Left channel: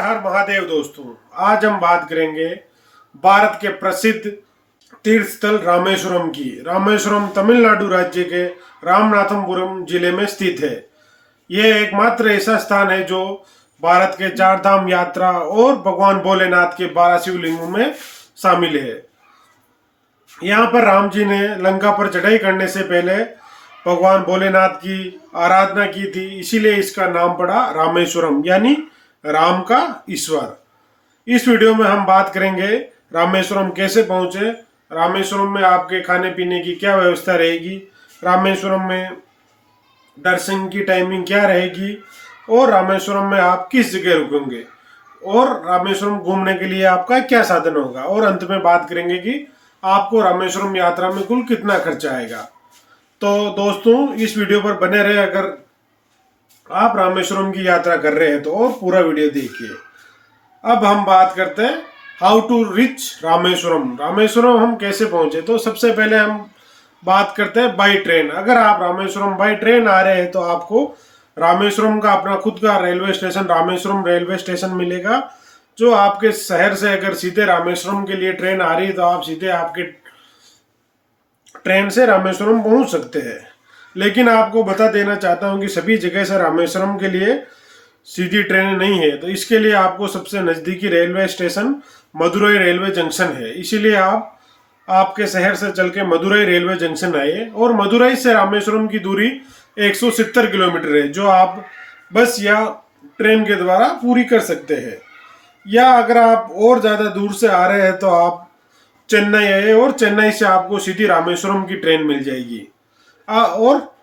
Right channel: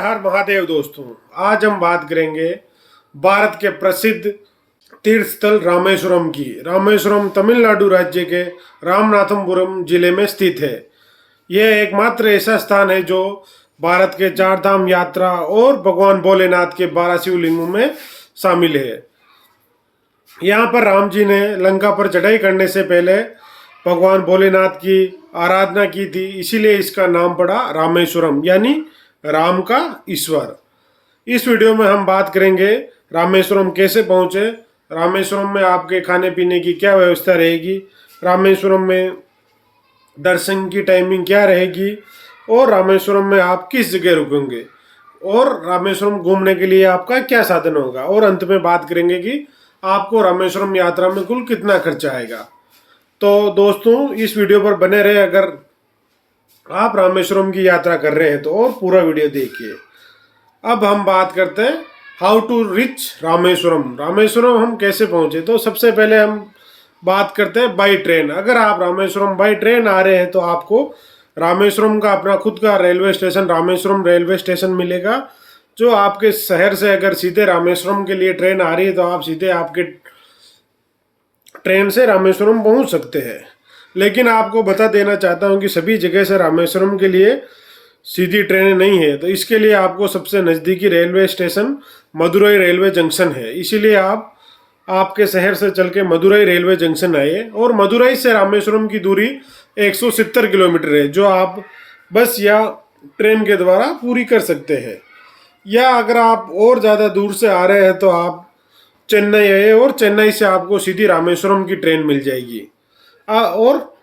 हर महादेव दोस्तों, आज हम बात करेंगे भारत के प्रसिद्ध तीर्थ स्थल रामेश्वरम की। रामेश्वरम तमिलनाडु राज्य के रामनाथपुरम जिले में स्थित है। यह एकमात्र ऐसा स्थान है जो भारत के चार धाम यात्रा और भगवान भोलेनाथ के 12 शिवलिंगों में शामिल है। यहाँ पर राम जी ने लंका पर चढ़ाई करने से पहले भगवान भोलेनाथ की आराधना की थी, इसीलिए इसका नाम पड़ा रामेश्वरम, यानी राम का ईश्वर। इस वीडियो में हम बात करेंगे रामेश्वरम कैसे पहुंचे, रामेश्वरम में आपके खाने पीने की क्या व्यवस्था रहेगी, रामेश्वरम में दर्शन की टाइमिंग क्या रहेगी और रामेश्वरम में आप किस जगह रुकेंगे और रामेश्वरम घूमने के लिए आपका क्या साधन होगा, और अंत में बात करेंगे कि आपको रामेश्वरम यात्रा में कुल कितना खर्चा आएगा। तो दोस्तों, इस वीडियो पर बने रहे। अगर आप रामेश्वरम की यात्रा कर रहे हैं तो और पूरा वीडियो देखिए। अब हम बात करते हैं how to reach Rameswaram. Rameswaram हम कैसे पहुंचे, तो सबसे पहले हम बात करते हैं बाई ट्रेन। अगर आप रामेश्वरम बाई ट्रेन आ रहे हैं तो आपको रामेश्वरम का अपना खुद का railway station Rameswaram railway station मिलेगा, जो आपके शहर से अगर सीधे रामेश्वरम के लिए ट्रेन आ रही है तो आप सीधे आपके ट्रेन से रामेश्वरम पहुंच सकते हैं। लेकिन आपको बता देना चाहता हूं कि सभी जगह से रामेश्वरम के लिए सीधी ट्रेनें नहीं है, तो इसके लिए आपको सबसे नज़दीकी railway station Madurai railway junction है। इसीलिए आप आपके शहर से चल के मदुरई रेलवे जंक्शन आइए, और मदुरई से रामेश्वरम की दूरी 170 किलोमीटर है, जो आप बस या ट्रेन के द्वारा पूरी कर सकते हैं। या अगर आप और ज़्यादा दूर से आ रहे हैं तो आप चेन्नई आए, और चेन्नई से आपको सीधी रामेश्वरम की ट्रेन मिल जाएगी। और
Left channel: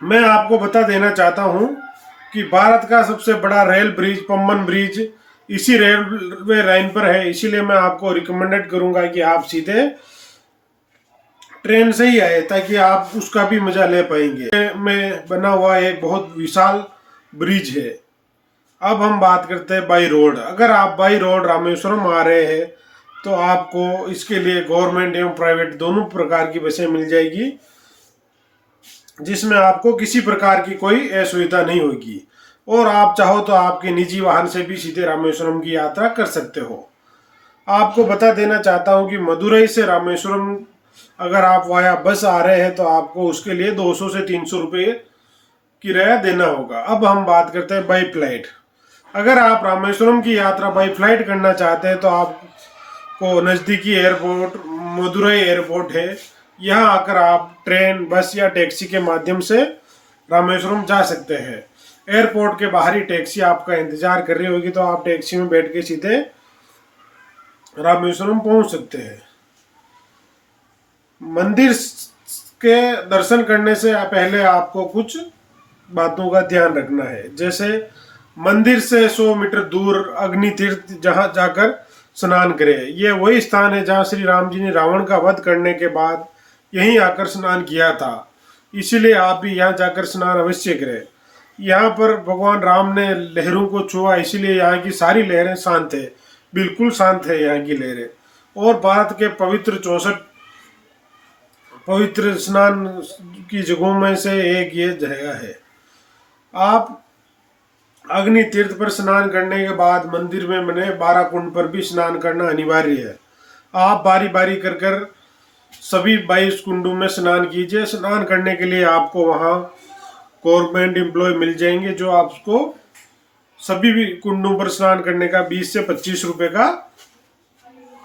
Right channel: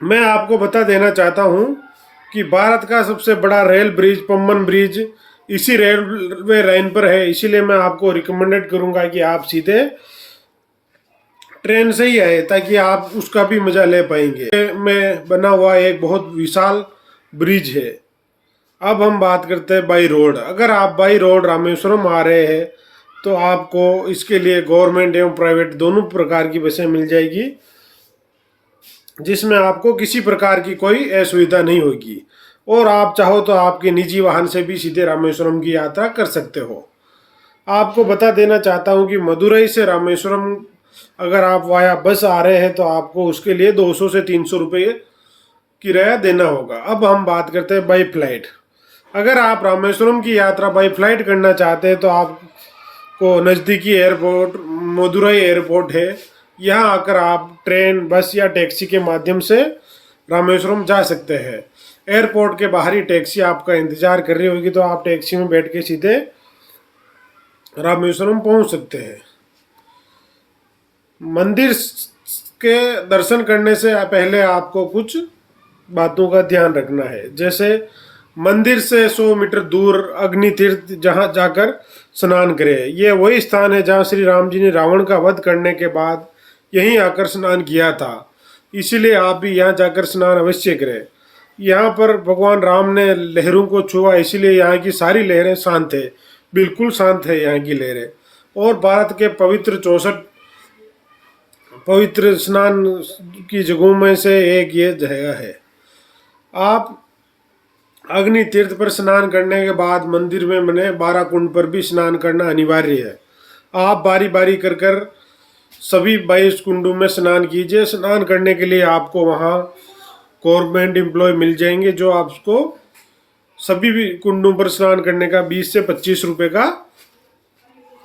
मैं आपको बता देना चाहता हूं कि भारत का सबसे बड़ा रेल ब्रिज पम्बन ब्रिज इसी रेलवे लाइन पर है, इसीलिए मैं आपको रिकमेंडेड करूंगा कि आप सीधे ट्रेन से ही आए, ताकि आप उसका भी मजा ले पाएंगे। में बना हुआ एक बहुत विशाल ब्रिज है। अब हम बात करते हैं बाई रोड। अगर आप बाई रोड रामेश्वरम आ रहे हैं तो आपको इसके लिए गवर्नमेंट एवं प्राइवेट दोनों प्रकार की बसें मिल जाएगी, जिसमें आपको किसी प्रकार की कोई असुविधा नहीं होगी। और आप चाहो तो आपके निजी वाहन से भी सीधे रामेश्वरम की यात्रा कर सकते हो। आपको बता देना चाहता हूं कि मदुरई से रामेश्वरम अगर आप वाया बस आ रहे हैं तो आपको उसके लिए 200 से 300 रुपये किराया देना होगा। अब हम बात करते हैं बाई फ्लाइट। अगर आप रामेश्वरम की यात्रा बाई फ्लाइट करना चाहते हैं तो आपको नज़दीकी एयरपोर्ट मदुरई एयरपोर्ट है। यहाँ आकर आप ट्रेन, बस या टैक्सी के माध्यम से रामेश्वरम जा सकते हैं। एयरपोर्ट के बाहर ही टैक्सी आपका इंतजार कर रही होगी, तो आप टैक्सी में बैठ के सीधे रामेश्वरम पहुंच सकते हैं। मंदिर के दर्शन करने से पहले आपको कुछ बातों का ध्यान रखना है। जैसे मंदिर से 100 मीटर दूर अग्नि तीर्थ जहाँ जाकर स्नान करें। यह वही स्थान है जहाँ श्री राम जी ने रावण का वध करने के बाद यहीं आकर स्नान किया था, इसीलिए आप भी यहाँ जाकर स्नान अवश्य करें। यहाँ पर भगवान राम ने लहरों को छुआ, इसीलिए यहाँ की सारी लहरें शांत है, बिल्कुल शांत है यहाँ की लहरें। और भारत के पवित्र 64 पवित्र स्नान की जगहों में से एक ये जगह है। आप अग्नि तीर्थ पर स्नान करने के बाद मंदिर में बने 12 कुंड पर भी स्नान करना अनिवार्य है। आप बारी बारी कर कर सभी 22 कुंडों में स्नान कीजिए। स्नान करने के लिए आपको वहाँ गवर्नमेंट एम्प्लॉय मिल जाएंगे, जो आपको सभी भी कुंडों पर स्नान करने का 20 से 25 रुपये का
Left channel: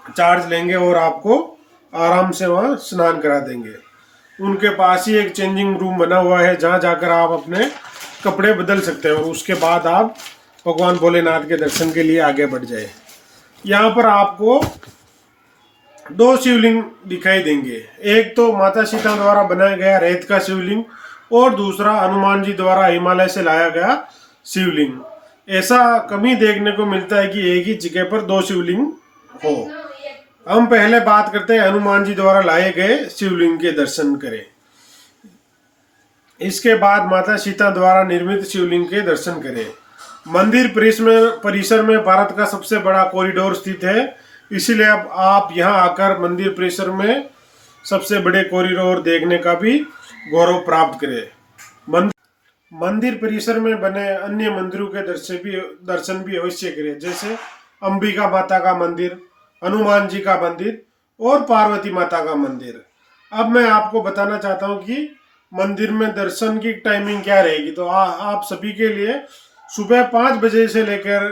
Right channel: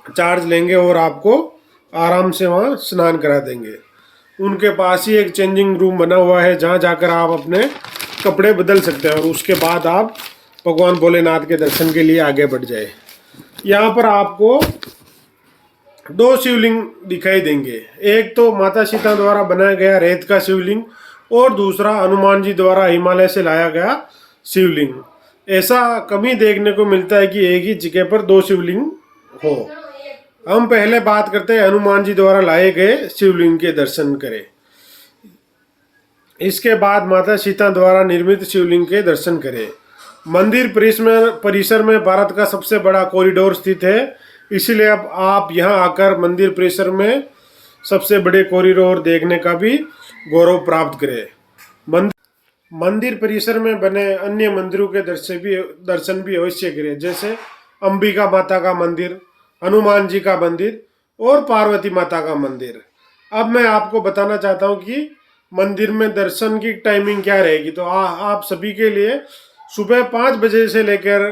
चार्ज लेंगे, और आपको आराम से वहाँ स्नान करा देंगे। उनके पास ही एक चेंजिंग रूम बना हुआ है, जहाँ जाकर आप अपने कपड़े बदल सकते हैं, और उसके बाद आप भगवान भोलेनाथ के दर्शन के लिए आगे बढ़ जाए। यहाँ पर आपको 2 शिवलिंग दिखाई देंगे। एक तो माता सीता द्वारा बनाया गया रेत का शिवलिंग, और दूसरा हनुमान जी द्वारा हिमालय से लाया गया शिवलिंग। ऐसा कभी देखने को मिलता है कि एक ही जगह पर 2 शिवलिंग हो। हम पहले बात करते हैं हनुमान जी द्वारा लाए गए शिवलिंग के दर्शन करें। इसके बाद माता सीता द्वारा निर्मित शिवलिंग के दर्शन करें। मंदिर परिसर में भारत का सबसे बड़ा कॉरिडोर स्थित है, इसीलिए अब आप यहाँ आकर मंदिर परिसर में सबसे बड़े कॉरिडोर देखने का भी गौरव प्राप्त करें। मंदिर परिसर में बने अन्य मंदिरों के दर्शन भी अवश्य करें, जैसे अंबिका माता का मंदिर, हनुमान जी का मंदिर और पार्वती माता का मंदिर। अब मैं आपको बताना चाहता हूँ कि मंदिर में दर्शन की टाइमिंग क्या रहेगी। तो आप सभी के लिए सुबह 5 बजे से लेकर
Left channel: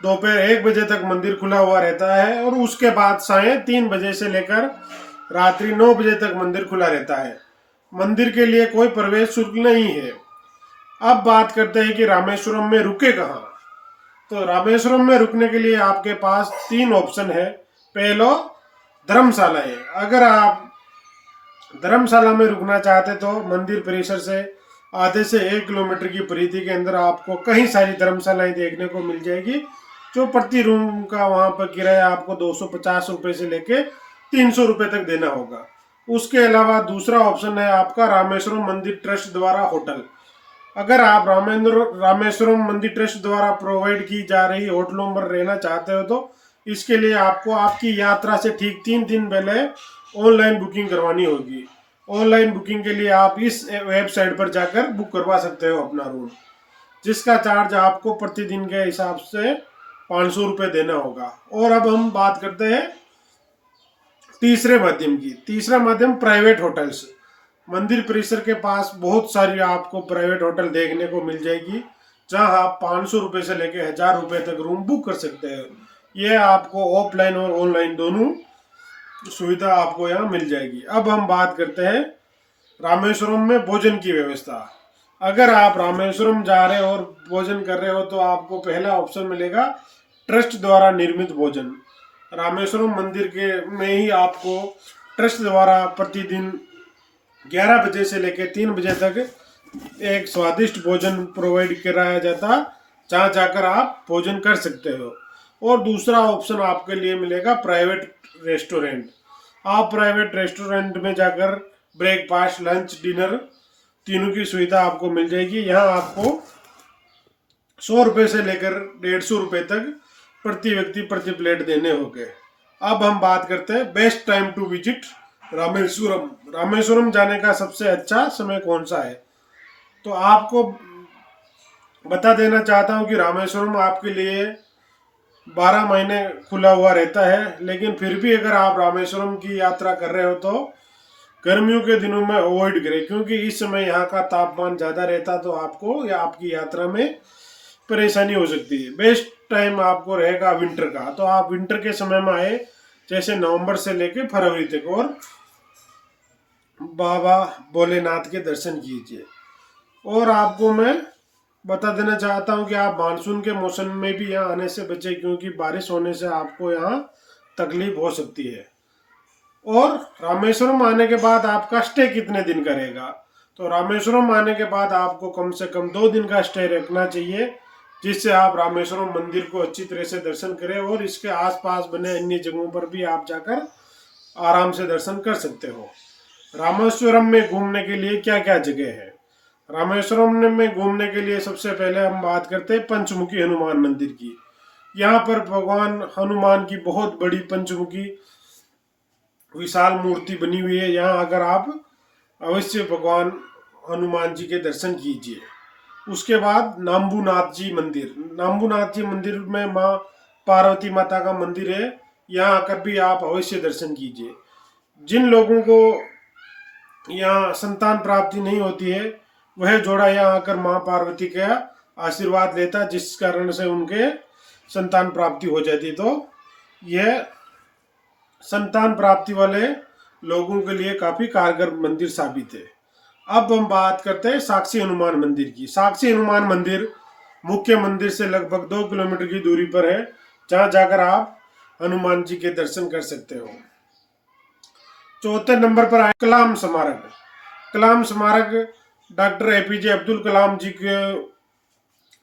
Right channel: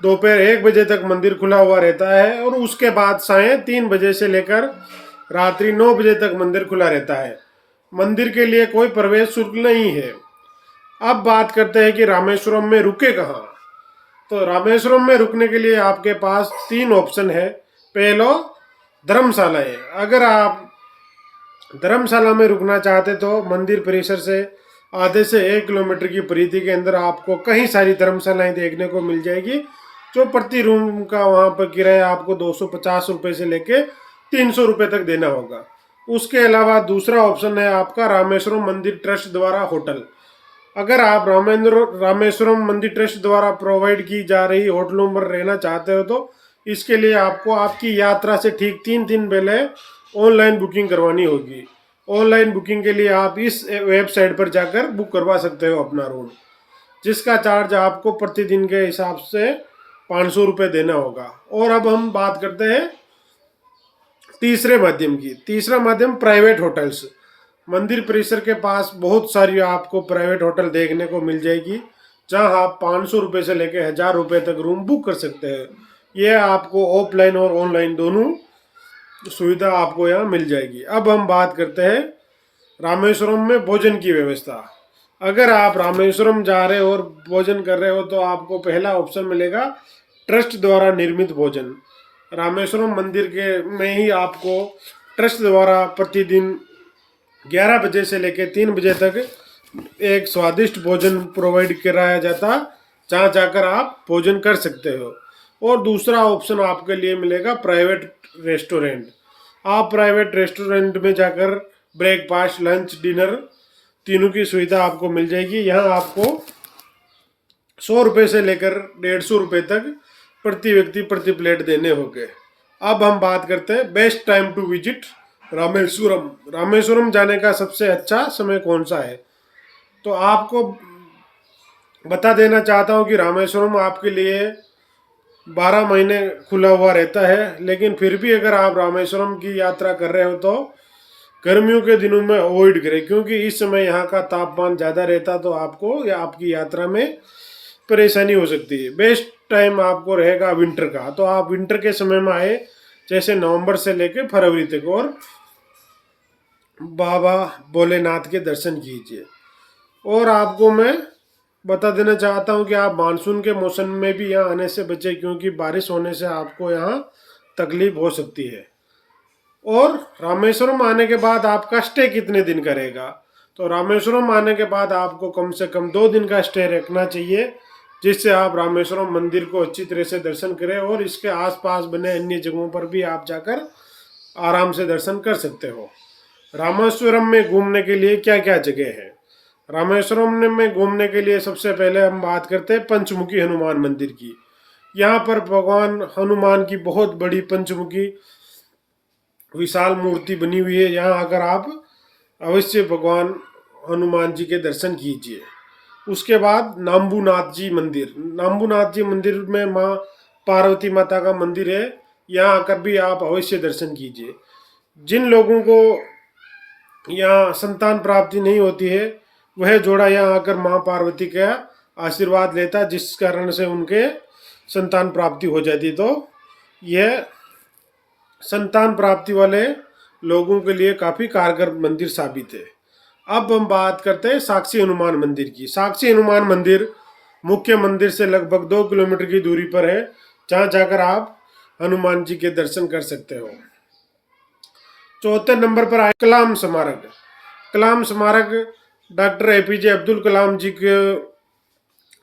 दोपहर 1 बजे तक मंदिर खुला हुआ रहता है, और उसके बाद सायं 3 बजे से लेकर रात्रि 9 बजे तक मंदिर खुला रहता है। मंदिर के लिए कोई प्रवेश शुल्क नहीं है। अब बात करते हैं कि रामेश्वरम में रुके कहाँ। तो रामेश्वरम में रुकने के लिए आपके पास 3 ऑप्शन है। पहला, धर्मशालाएं। अगर आप धर्मशाला में रुकना चाहते तो मंदिर परिसर से आधे से 1 किलोमीटर की परिधि के अंदर आपको कई सारी धर्मशालाएं देखने को मिल जाएगी, जो प्रति रूम का वहाँ पर किराया आपको 250 रुपये से लेके 300 रुपये तक देना होगा। उसके अलावा दूसरा ऑप्शन है आपका रामेश्वरम मंदिर ट्रस्ट द्वारा होटल। अगर आप रामेश्वरम मंदिर ट्रस्ट द्वारा प्रोवाइड की जा रही होटलों में रहना चाहते हो तो इसके लिए आपको आपकी यात्रा से ठीक 3 दिन पहले ऑनलाइन बुकिंग करवानी होगी। ऑनलाइन बुकिंग के लिए आप इस वेबसाइट पर जाकर बुक करवा सकते हो अपना रूम, जिसका चार्ज आपको प्रतिदिन के हिसाब से 500 रुपये देना होगा। और अब हम बात करते हैं तीसरे माध्यम की। तीसरा माध्यम प्राइवेट होटल्स। मंदिर परिसर के पास बहुत सारी आपको प्राइवेट होटल देखने को मिल जाएगी, जहां आप 500 रुपये से लेकर 1000 रुपये तक रूम बुक कर सकते हैं। यह आपको ऑफलाइन और ऑनलाइन दोनों सुविधा आपको यहाँ मिल जाएगी। अब हम बात करते हैं रामेश्वरम में भोजन की व्यवस्था। अगर आप रामेश्वरम जा रहे हो और भोजन कर रहे हो तो आपको पहला ऑप्शन मिलेगा ट्रस्ट द्वारा निर्मित भोजन। रामेश्वरम मंदिर के में ही आपको ट्रस्ट द्वारा प्रतिदिन 11 बजे से लेकर 3 बजे तक एक स्वादिष्ट भोजन प्रोवाइड कराया जाता, जहाँ जाकर आप भोजन कर सकते हो। और दूसरा ऑप्शन आपके लिए मिलेगा प्राइवेट रेस्टोरेंट। आप प्राइवेट रेस्टोरेंट में जाकर ब्रेकफास्ट, लंच, डिनर तीनों की सुविधा आपको मिल जाएगी। यहाँ आपको 100 रुपये से लेकर 150 रुपये तक प्रति व्यक्ति प्रति प्लेट देने होंगे। अब हम बात करते हैं best time to visit Rameswaram. Rameswaram जाने का सबसे अच्छा समय कौन सा है। तो आपको बता देना चाहता हूँ कि रामेश्वरम आपके लिए 12 महीने खुला हुआ रहता है, लेकिन फिर भी अगर आप रामेश्वरम की यात्रा कर रहे हो तो गर्मियों के दिनों में अवॉइड करें, क्योंकि इस समय यहाँ का तापमान ज़्यादा रहता तो आपको या आपकी यात्रा में परेशानी हो सकती है। बेस्ट टाइम आपको रहेगा विंटर का, तो आप विंटर के समय में आए, जैसे नवंबर से लेकर फरवरी तक, और बाबा भोलेनाथ के दर्शन कीजिए। और आपको मैं बता देना चाहता हूँ कि आप मानसून के मौसम में भी यहाँ आने से बचें, क्योंकि बारिश होने से आपको यहाँ तकलीफ हो सकती है। और रामेश्वरम आने के बाद आपका स्टे कितने दिन का रहेगा। तो रामेश्वरम आने के बाद आपको कम से कम 2 दिन का स्टे रखना चाहिए, जिससे आप रामेश्वरम मंदिर को अच्छी तरह से दर्शन करें और इसके आसपास बने अन्य जगहों पर भी आप जाकर आराम से दर्शन कर सकते हो। रामेश्वरम में घूमने के लिए क्या क्या जगह है। रामेश्वरम में घूमने के लिए सबसे पहले हम बात करते हैं पंचमुखी हनुमान मंदिर की। यहाँ पर भगवान हनुमान की बहुत बड़ी पंचमुखी विशाल मूर्ति बनी हुई है। यहाँ आकर आप अवश्य भगवान हनुमान जी के दर्शन कीजिए। उसके बाद नाम्बूनाथ जी मंदिर। नाम्बूनाथ जी मंदिर में माँ पार्वती माता का मंदिर है। यहाँ आकर भी आप अवश्य दर्शन कीजिए। जिन लोगों को यहाँ संतान प्राप्ति नहीं होती है, वह जोड़ा यहाँ आकर माँ पार्वती का आशीर्वाद लेता, जिस कारण से उनके संतान प्राप्ति हो जाती। तो यह संतान प्राप्ति वाले लोगों के लिए काफ़ी कारगर मंदिर साबित है। अब हम बात करते हैं साक्षी हनुमान मंदिर की। साक्षी हनुमान मंदिर मुख्य मंदिर से लगभग 2 किलोमीटर की दूरी पर है, जहाँ जाकर आप हनुमान जी के दर्शन कर सकते हो। चौथे नंबर पर आए कलाम स्मारक। कलाम स्मारक डॉक्टर एपीजे अब्दुल कलाम जी के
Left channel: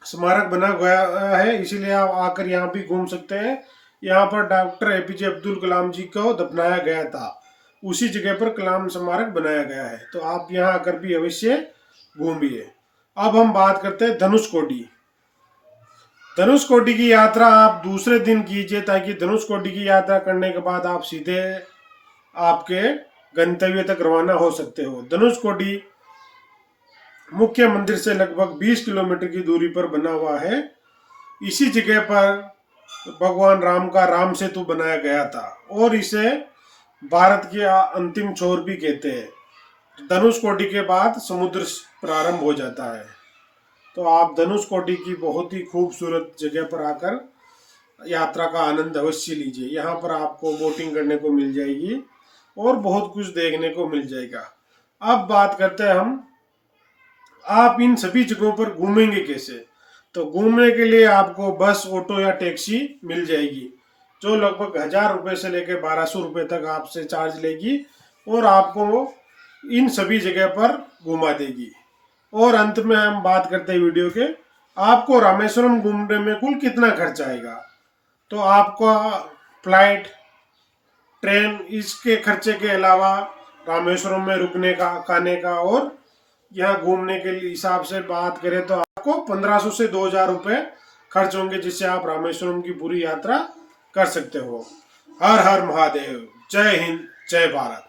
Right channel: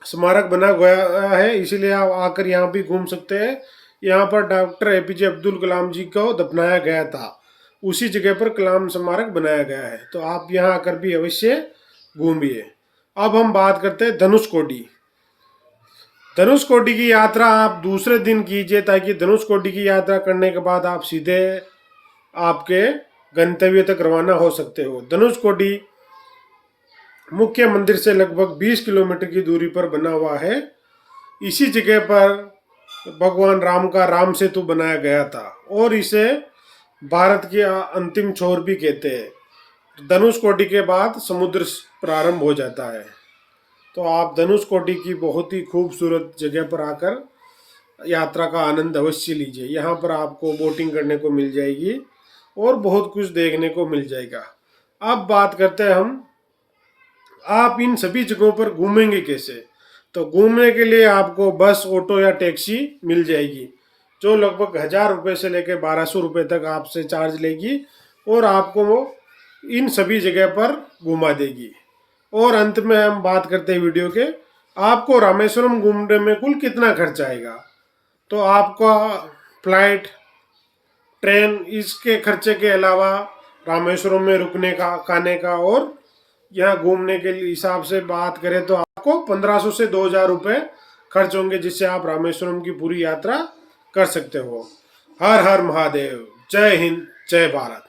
स्मारक बना गया है, इसीलिए आप आकर यहाँ भी घूम सकते हैं। यहाँ पर डॉक्टर एपीजे अब्दुल कलाम जी को दफनाया गया था, उसी जगह पर कलाम स्मारक बनाया गया है, तो आप यहाँ आकर भी अवश्य घूमिए। अब हम बात करते हैं धनुषकोडी। धनुषकोडी की यात्रा आप दूसरे दिन कीजिए, ताकि धनुषकोडी की यात्रा करने के बाद आप सीधे आपके गंतव्य तक रवाना हो सकते हो। धनुषकोडी मुख्य मंदिर से लगभग 20 किलोमीटर की दूरी पर बना हुआ है। इसी जगह पर भगवान राम का राम सेतु बनाया गया था और इसे भारत की अंतिम छोर भी कहते हैं। धनुषकोटी के बाद समुद्र प्रारंभ हो जाता है। तो आप धनुषकोटी की बहुत ही खूबसूरत जगह पर आकर यात्रा का आनंद अवश्य लीजिए। यहाँ पर आपको बोटिंग करने को मिल जाएगी और बहुत कुछ देखने को मिल जाएगा। अब बात करते हैं हम, आप इन सभी जगहों पर घूमेंगे कैसे। तो घूमने के लिए आपको बस, ऑटो या टैक्सी मिल जाएगी, जो लगभग 1000 रुपये से लेकर 1200 रुपये तक आपसे चार्ज लेगी और आपको वो इन सभी जगह पर घुमा देगी। और अंत में हम बात करते हैं वीडियो के, आपको रामेश्वरम घूमने में कुल कितना खर्च आएगा। तो आपका फ्लाइट, ट्रेन, इसके खर्चे के अलावा रामेश्वरम में रुकने का, खाने का और यहाँ घूमने के हिसाब से बात करें तो आपको 1500 से 2000 रुपये खर्च होंगे, जिससे आप रामेश्वरम की पूरी यात्रा कर सकते हो। हर हर महादेव, जय हिंद, जय भारत।